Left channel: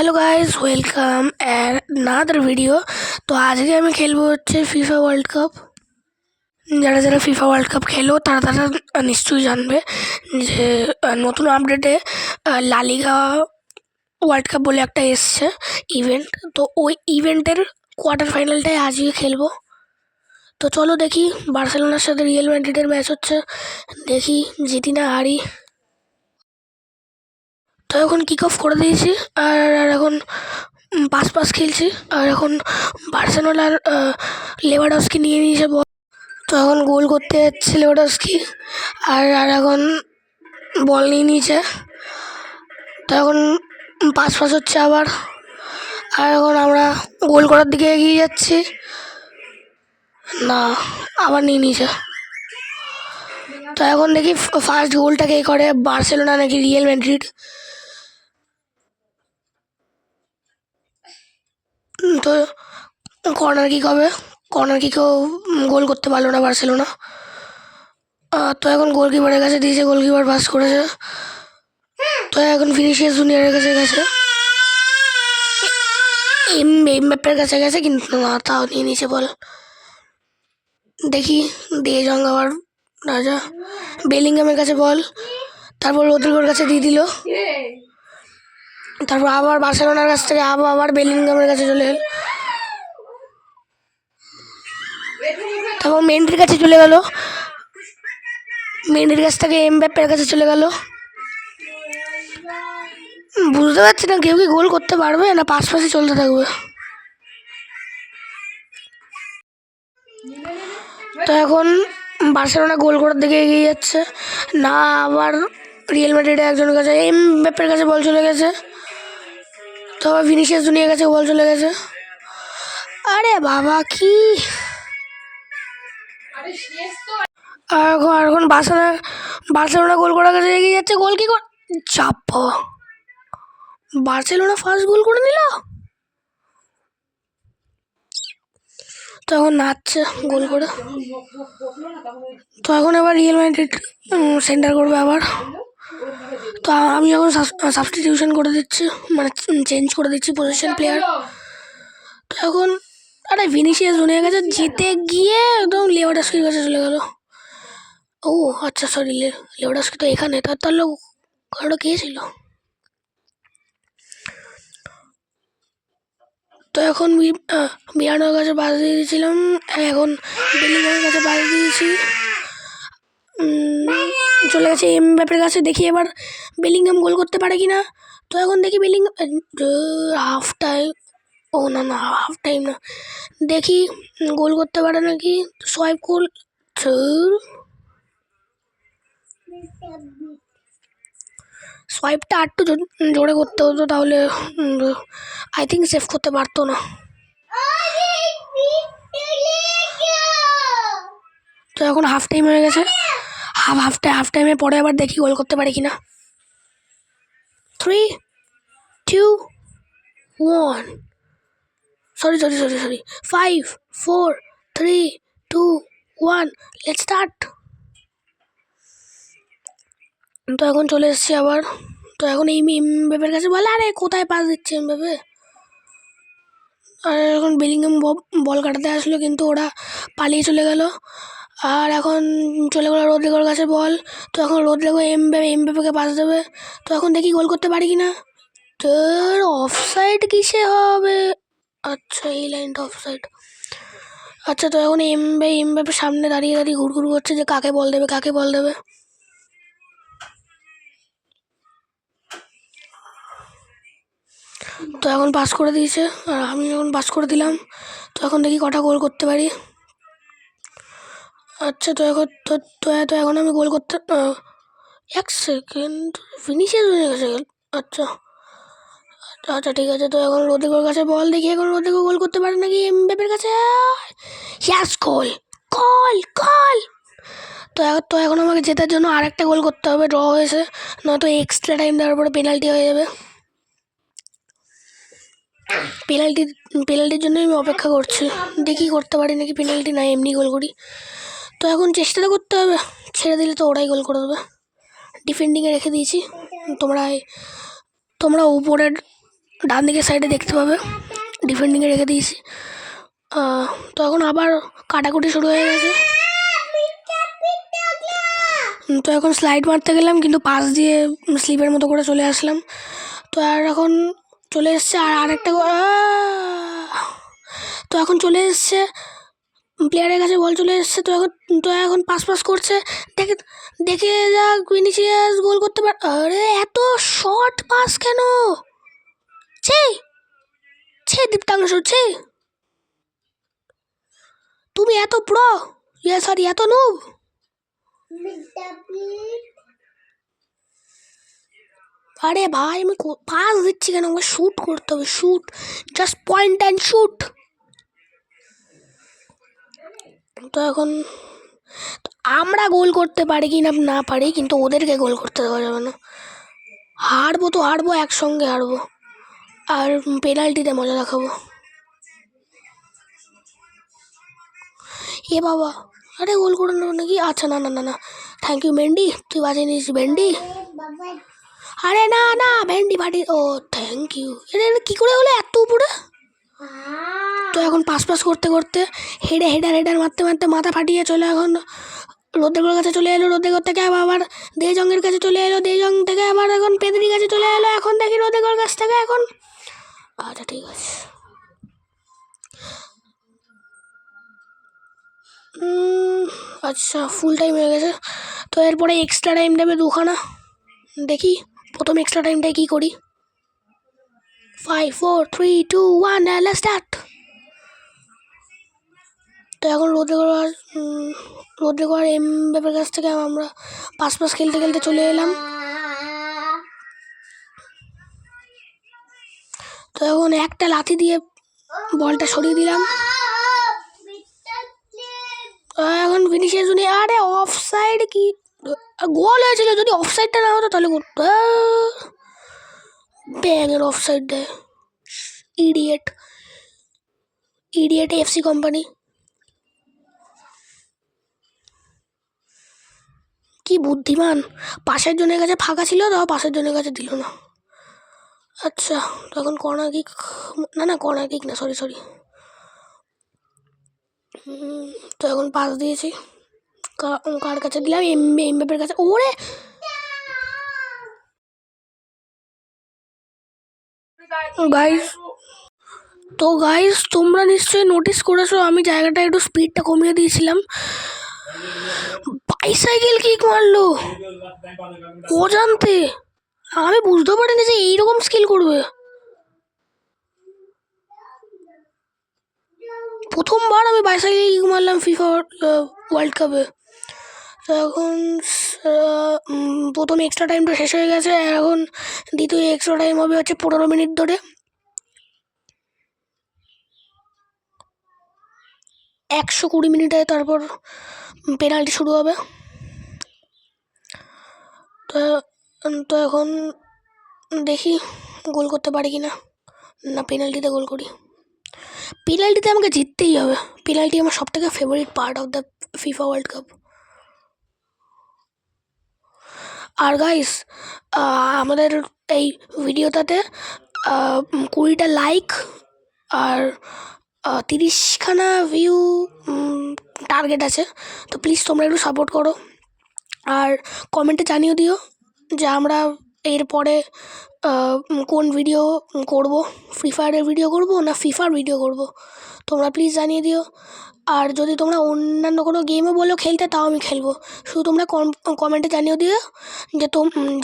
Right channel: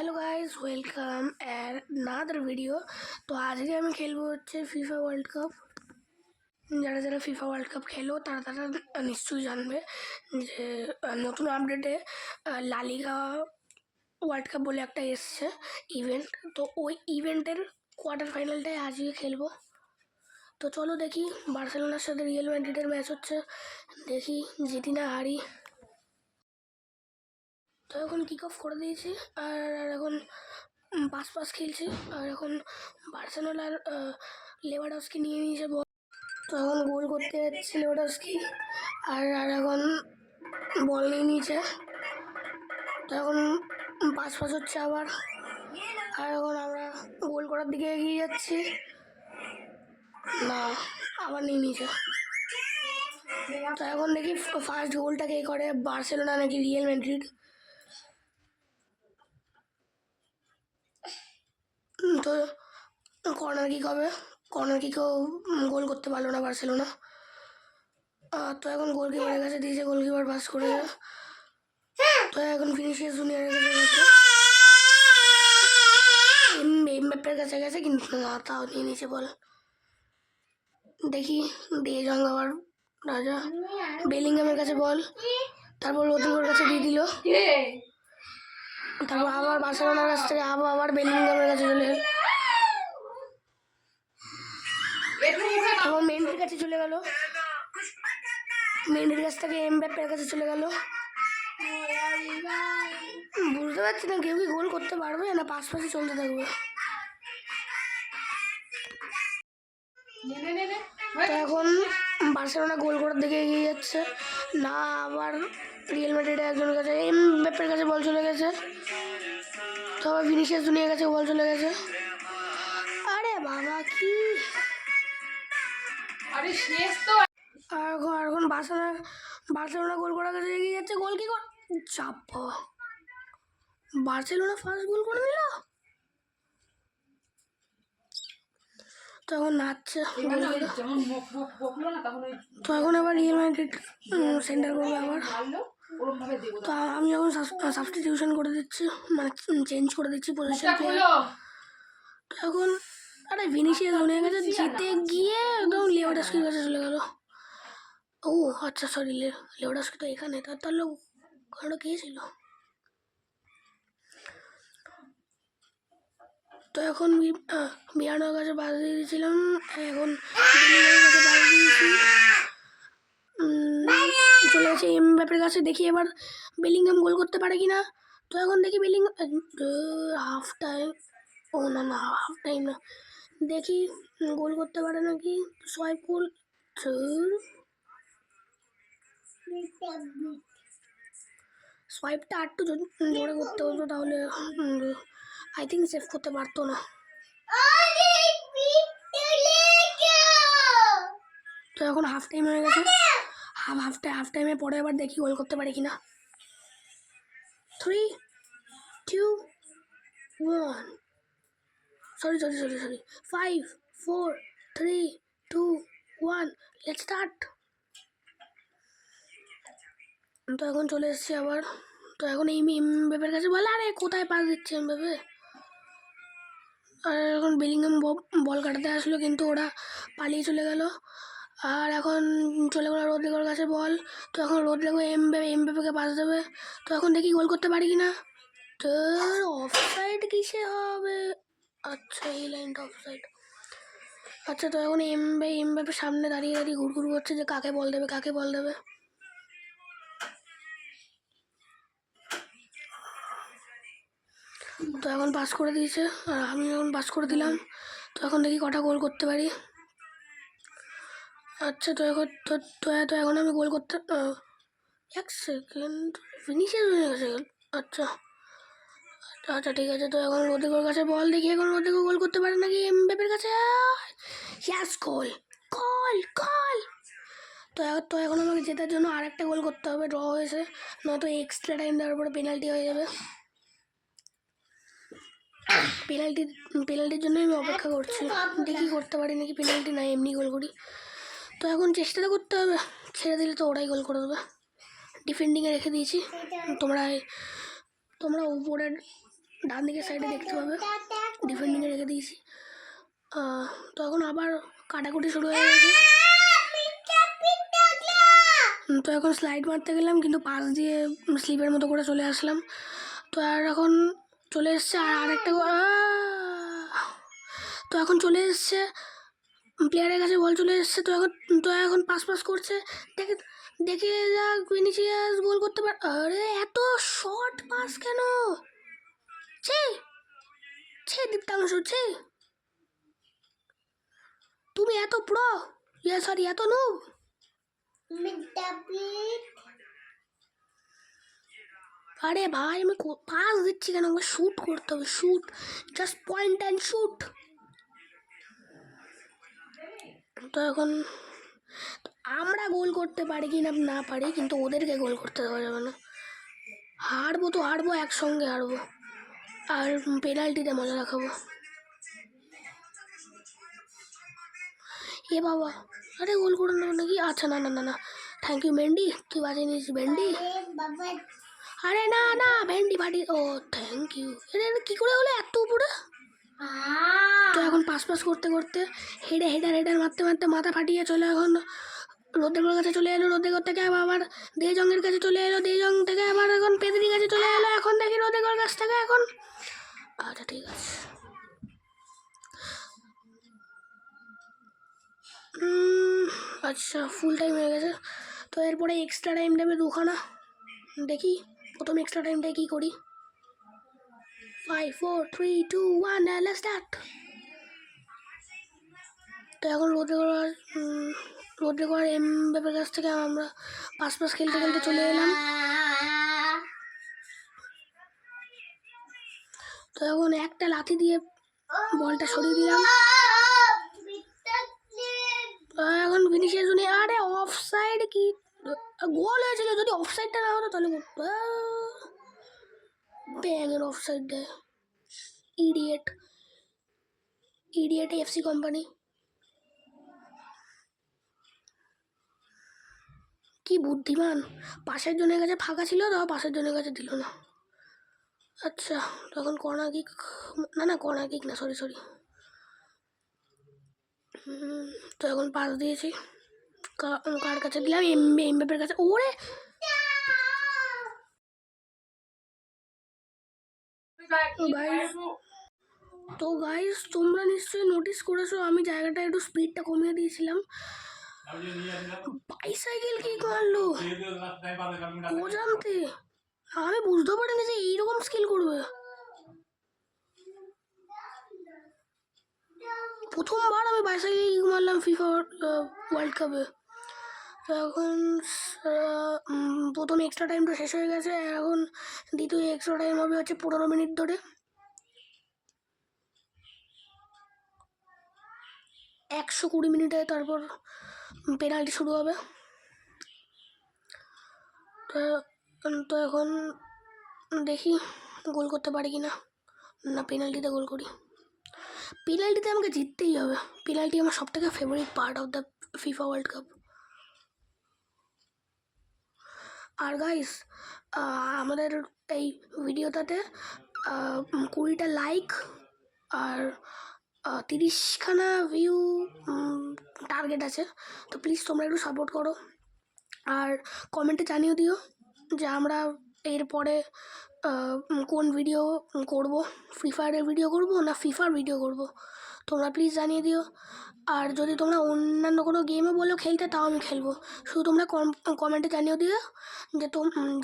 Hello guys, welcome another video. তো আজকে আমি খেলবো হচ্ছে ফিফা ওয়ার্ল্ড কাপ। যারা যারা ফিফা ওয়ার্ল্ড কাপ খেলো তারা তারা নিশ্চয়ই জানবে যে নতুন আপডেটে লা লিগা ওয়ার্ল্ড কাপ বলে একটা এসছে ইভেন্ট। তো ওই ইভেন্টের কোয়ার্টার ফাইনালটাই আজকে খেলবো। তো চলো দেখি বার্সেলোনার সাথে রিয়াল ম্যাড্রিডের ম্যাচ হচ্ছে, দেখি জিতি না হারি। তো এখন কিক অফ করে দিয়েছি আর এখন পাস খেলছি। আর এখন বার্সেলোনার লেভানডস্কি নিয়ে নিয়েছে বল। তো এখন গোল করতে যাচ্ছে লেভানডস্কি আর এখন বল নিয়ে নিয়েছে। তো এখন পাস হচ্ছে আবার, আর এখন আমরা গোল করার দিকে এগিয়ে যাচ্ছি। না, আবার নিয়ে নিয়েছে। তো এখন দেখি ফার্স্ট গোলটা কে করে, বার্সেলোনা নাকি রিয়াল ম্যাড্রিড। তো কর্নার কিক হবে, কর্নার কিকেও গোল করতে পারলো না বার্সেলোনা। তো এখন গোলকিপারের কাছে দিয়েছে, গোলকিপার পাস করেছে। তো এখন ভিনিসিয়াস জুনিয়রের কাছে গেছে, এমবাপ্পের কাছে গেছে, কিন্তু না, তাও নিয়ে নিয়েছে বল। দেখি দিয়ে জং আবার রাজা বেলিংহামের কাছে বল, তারপর রদ্রিগোর কাছে দিয়ে দিল। তারপর আবার বার্সেলোনার কাছ থেকে আবার বেলিংহামের কাছে চলে গেল, তারপর মেন্ডির কাছে চলে গেল, মেন্ডির কাছ থেকে এমবাপ্পের কাছে চলে গেল। বুঝতে পারছি না কেউ কি গোল করতে পারবে না পাশে চলতে থাকবে। তো এখন বার্সেলোনা গোল করার দিকে এগিয়ে যাচ্ছে না, আবার রিয়াল ম্যাড্রিডের একজনের কাছে এমবাপ্পের কাছে বল চলে গেছে। তো আবার ভিনিসিয়াস জুনিয়র কাছে বল চলে গেছে। আরে বাবা কি! আর এখন বার্সেলোনা গোল করার কাছে এগিয়ে যাচ্ছে। গোল কি করে চাপ, বার্সেলোনা ফার্স্ট গোল করে নিল। তো এখন নাচছে গোল করে। তো এখন এবার রিয়াল ম্যাড্রিড সেন্টার করবে আবার। তো আমি এখন সাবস্টিটিউশন করে দিচ্ছি, মানে চেঞ্জ করে দিচ্ছি পজিশন প্লেয়ার। তো এখন আরে ভিনিসিয়াস জুনিয়র কাছে জিতে গিয়ে একদম লেভানডস্কির কাছে চলে গেল। ও আচ্ছা, সরি, লেভানডস্কি তো এখানে, তাহলে ওটা কে ছিল? তো এখন বিয়ানোর কাছে পাস দিয়ে দিয়েছিলাম, এখন বেলিংহামের কাছে পাস দিয়েছি, চলে গেছে এমবাপ্পের কাছে। দেখি এবার বেলিংহাম গোল করতে পারে কি না। তো এখন দেখি হাফ টাইম, ও না, হাফ টাইম না, দেখি গোল করতে পারে নাকি। সোয়াইপ গোল, সোয়াইপটা একটু জোরে করতে হতো, তাহলে আই থিঙ্ক সেভ করতে পারতো না। তো এখন হাফ টাইম হয়ে গেছে, হাফ টাইমের পরে আবার দেখি গোল করতে পারে কিনা। 3, 2, 1, সরি 5, 4, 3, 2, 1, লেটস স্টার্ট। তো এখন চলে এসছি আবার। তো এখন এই এমবাপ্পের কাছে বলে, আরে কোথায় পাস দিচ্ছে এমবাপ্পে। আর এখন বেলিংহাম বল কাটাতে আসলো, কিন্তু ওরা পালিয়ে চলে গেল। আর এখন চলে গেল রদ্রিগোর কাছে বল। তো এখন রদ্রিগো এমবাপ্পেকে পাস দেবে। তো এখন দেখি গোল করতে পারি কি না। তোর অফসাইড কিসে হবে? আচ্ছা, এই লাইনটা অফসাইড। আচ্ছা, তো এখন এমবাপ্পে সামনে দাঁড়িয়ে ঘুরঘুর করছে যে কাকে বল দেবে। তো এখন পাস করে দিয়েছে আর আমি এখন পাস করে দিলাম। তো এখন দেখি কটা গোল করতে পারি। আচ্ছা, তো এখন আমি গোল করতে 1 সেকেন্ড, ফিনিশিং হয়ে গেছে। আচ্ছা, ঠিক আছে। তো এখন রদ্রিগোর কাছে বল, দেখি এখন রদ্রিগো গোল করতে পারে নাকি এমবাপ্পের কাছে। ইয়াস, গোল। তো এখন আমাকে জেতার জন্য আরেকটা গোল করতে হবে, ড্র হয়েছে, নয়তো এক্সট্রা টাইম দেওয়ার পরে পেনাল্টি হয়ে যাবে। পেনাল্টির জন্য আমি অপেক্ষা করছি, দেখি করতে পারি নাকি পেনাল্টি, না এমনি গোল করি। তো এখন চেষ্টাটা করতে হবে, ছেড়ে দিলে তো ওরাই গোল করে দেবে। ডিফেন্ডিংয়ে রেখে দিয়েছি, তোমরা উপরের ডান দিকের সাইডে দেখতে পাবে, ডিফেন্ডিংয়ে রেখে দিয়েছি। তো এখন আবার কাটাকুটি শুরু হয়ে গেছে। তো এখন স্লাইড মারতে গেলাম, কিন্তু পাশ দিয়ে স্লিপের মতো করে চলে আসলাম। তো আর এখন চলে এসছে আর আরেকটা তো এখন চলে এসছে প্লেয়ারের কাছে, বল চলে এসছে। তো এখন পাস করছে, দেখে দেখে যাক ভিনিসিয়াস গোল করতে পারে। আরে এত শর্ট পাস কেন? ছে ছে দীপ্তাংশু, ছে তুমি এত প্রো, সরি এত নুব। আরে ভাই আমি পাস দিচ্ছি কেন? আমাকে শ্যুট করতে হবে, shoot, just point and shoot. তো এখন আমরা গোল করতে পারি কি না পারি, কিন্তু ওদেরকে গোল করতে দেওয়া যাবে না। হারবো তো হারবো, একসঙ্গে হারবো, আর পেনাল্টিতে মজা দেখাবো। এ বাবা, আরে গোল করে নেবো নাকি? আচ্ছা না না না না, থ্যাংক ইউ মেন্ডি, তুই বাঁচিয়ে নিস ভেন্ডি। আরে না না, ভেন্ডি ফাটি, ও থ্যাংক ইউ। এটা কী করে হলো এত উপরে? তো এখন পাস করতে করতে হেডার মারতে মারতে মাথা ফাটিয়ে চলে এখন রোদ্রেগোর কাছে চলে এলো। রোদ্রেগোর থেকে আবার দেজংয়ের কাছে চলে এলো, দেজং থেকে আবার এখন পেদরির কাছে চলে এলো। এখন দেখি রোদ্রেগোর কাছ থেকে এখন, আচ্ছা ঠিক আছে। আচ্ছা ফুল টাইম হয়ে গেছে। তো এরপরে এক্সট্রা টাইম দেবে দুখানা, দেখি প্রথম এক্সট্রা টাইমটাই কী করি। 5 4 3 2 1 লেটস স্টার্ট। তো এখন রোদ্রেগো আর এমবাপ্পের কাছ থেকে আমরা পাস খেলতে খেলতে চলে এলাম। তো এখন একটা লাথি দিয়ে বলটা সরিয়ে দিলাম। এখন ভিনিসিয়াস জুনিয়র, আরে অফ সাইড কি গোল হয়েছিল? যদি অফ সাইডটা না হতো তাহলে ব্যাঙের অফ সাইড দেয়, ইডিয়েট ইডিয়েট এফসি কোম্পানি। কি বুদ্ধিমান, পাশের জনের কাছে ফাঁকা ছিল, তাও পাশের জনের কাছে দিল না। আচ্ছা তখন কর্নার কিক, না কর্নার কিক না, সরি। তো এখন পাস দিয়েছি, কার কাছে দিলাম? এমবাপ্পের কাছে। ওরে গাইস, তো গাইস তোমরা নিশ্চয়ই নোটিস করেছো আমি জায়গাটা একটু স্পিডটা কমিয়ে দিয়েছিলাম। বাইসাইকেল কিক মারলো অজান্তে, আমি বুঝতে পারিনি যে এইরকম স্কিল করবে। প্রথমবার আমি বাইসাইকেল কিক মারলাম ফিফা ওয়ার্ল্ড কাপে। তো এখন প্রথম এক্সট্রা টাইমটা শেষ হয়ে গেছে, এখন দ্বিতীয় এক্সট্রা টাইম হবে হচ্ছে 15 মিনিট ধরে। 120 মিনিটে তারপর পেনাল্টি শুরু হবে। তো এখন দেখি গোল করতে পারি কি না পেনাল্টিতে গোল করি। পেনাল্টিতে আমাকে জিততেই হবে, পেনাল্টি আমার সবথেকে favourite part of the FIFA world cup. আর গাইস আমাদের এই ভিডিওটাতে 20টা লাইক আর 30খানা ভিউ টার্গেট আছে। তো প্লিজ তোমরা একটু সাপোর্ট করো, আর কমেন্টে জানিয়ে দিও যে আমরা এরপরে কোন ভিডিও করব, ফ্রি ফায়ারের ভিডিও করব না ফিফার ভিডিও করব, তোমরা প্লিজ জানিয়ে দিও। আর যদি তোমরা অন্যান্য কোনো গেমও বলো খেলতে, তাও আমি খেলবো, শুধু তোমরা কমেন্টে জানিয়ে দিও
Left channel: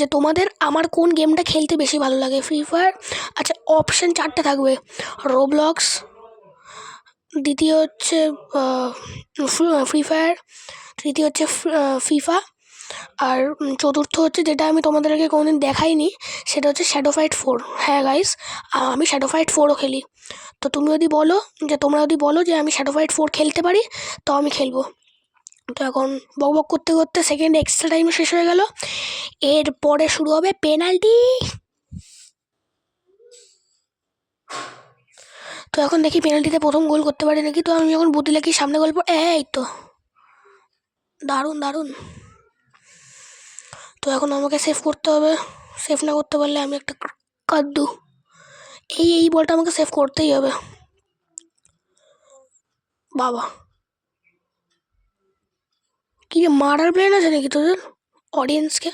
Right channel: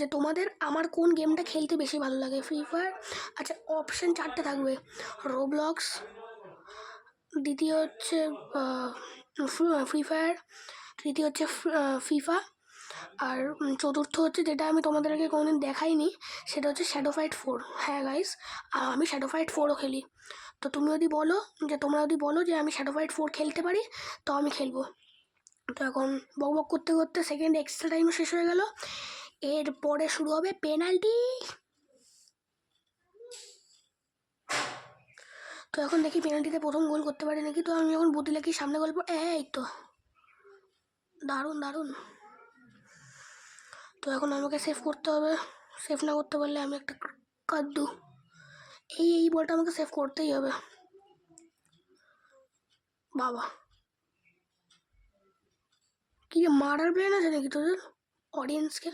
যে তোমাদের আমার কোন গেমটা খেলতে বেশি ভালো লাগে ফ্রি ফায়ার। আচ্ছা অপশান 4টে থাকবে, রোবলক্স, দ্বিতীয় হচ্ছে ফ্রি ফায়ার, তৃতীয় হচ্ছে ফিফা, আর চতুর্থ হচ্ছে যেটা আমি তোমাদেরকে কোনোদিন দেখাইনি, সেটা হচ্ছে শ্যাডো ফাইট 4। হ্যাঁ গাইস, আমি শ্যাডো ফাইট 4ও খেলি। তো তোমরা যদি বলো যে আমি শ্যাডো ফাইট 4 খেলতে পারি, তো আমি খেলবো। তো এখন বক করতে করতে সেকেন্ড এক্সট্রা টাইম শেষ হয়ে গেল, এরপরে শুরু হবে পেনাল্টি। তো এখন দেখি পেনাল্টিতে প্রথম গোল করতে পারি নাকি। তো আমি যখন বুদ্ধি লাগি সামনে গোল এই তো দারুণ। তো এখন আমাকে সেভ করতে হবে, সেভ না করতে পারলে আমি একটা কাদ্দু এই বলটা আমাকে সেভ করতেই হবে। বাবা, কি মারার প্ল্যান আছে নাকি তোদের অডিয়েন্সকে?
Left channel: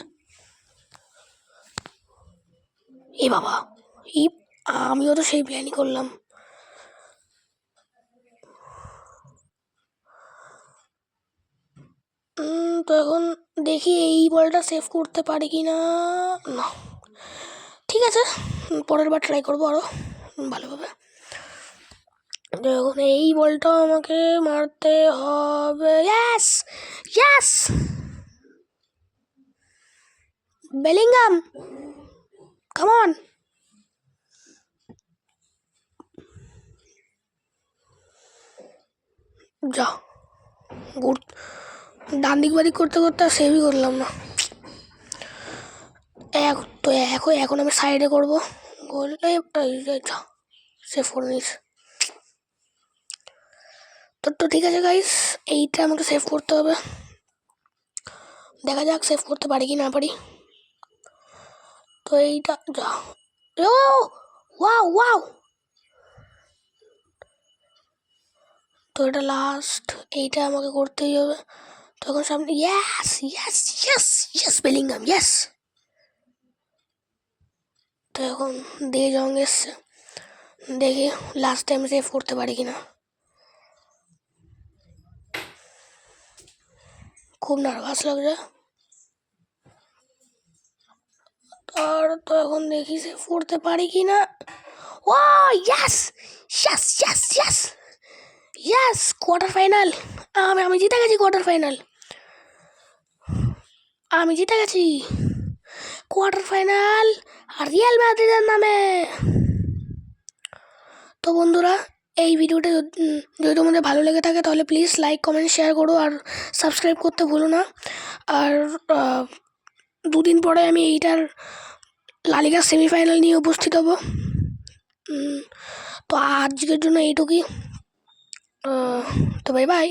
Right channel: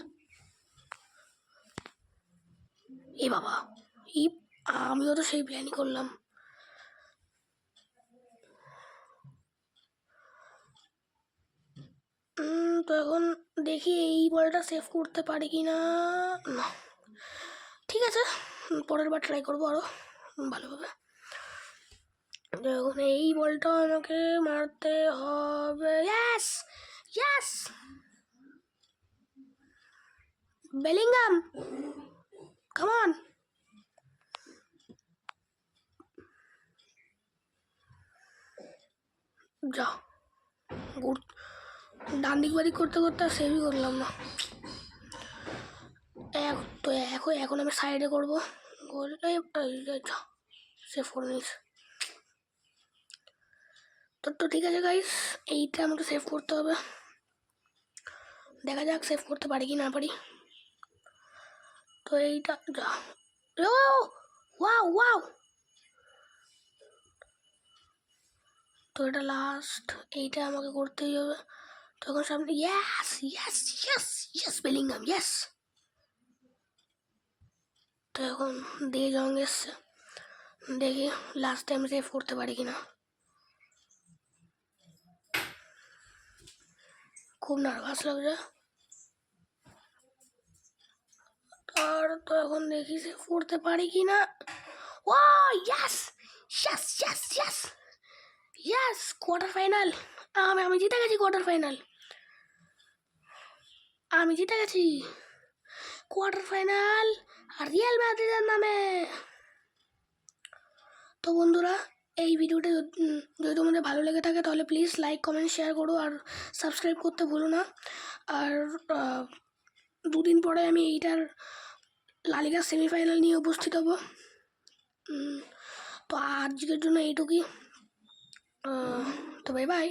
এ বাবা, এই আমিও তো সেই প্ল্যানই করলাম। তো এখন দেখি এই বলটা সেভ করতে পারি কি না। না, ঠিক আছে, পরের বার ট্রাই করবো আরও ভালোভাবে। এখন এই বলটা আমাকে মারতে হবে। Yes yes, Bellingham, come on. যা, ডান দিক বাদিক করতে করতে আর সেভই করলাম না। এখন আমি সাইডে করবো, করলে সেভ করে নিয়েছি। তো ঠিক আছে গাইস, এইটা আমাকে সেভ করতে হবে। দেখা যাক সেভ করতে পারি কি না পারি। তো এইটা যা, ও ওয়াও ওয়াও। তো এটা লাস্ট, এইটা আমাকে করতেই হবে। তখন সামনে yes yes yes yes, Bellingham yes. তো এখন দে জং এসছে, দেখি লাস্ট টাইম সেভ করতে পারি কিনা। খুব নার্ভাস লাগছে। আর তো এখন দেখি সেভ করতে পারি কি না। ও yes yes yes yes yes, quarter final. আমি জিতে গেছি কোয়ার্টার ফাইনাল, আমি জিতে গেছি কোয়ার্টার ফাইনাল আর রিয়াল মাদ্রিদের নামে। তো বন্ধুরা, এই ভিডিওটা যদি তোমাদের ভালো লেগে থাকে তাহলে প্লিজ লাইক কমেন্ট শেয়ার করো আর সাবস্ক্রাইব করতে ভুলো না। আর দুদিন পরে আমি এইটার লা লিগার সেমিফাইনাল নিয়ে উপস্থিত হব। তো আজকের জন্য এইটুকুই। তো বাই বাই।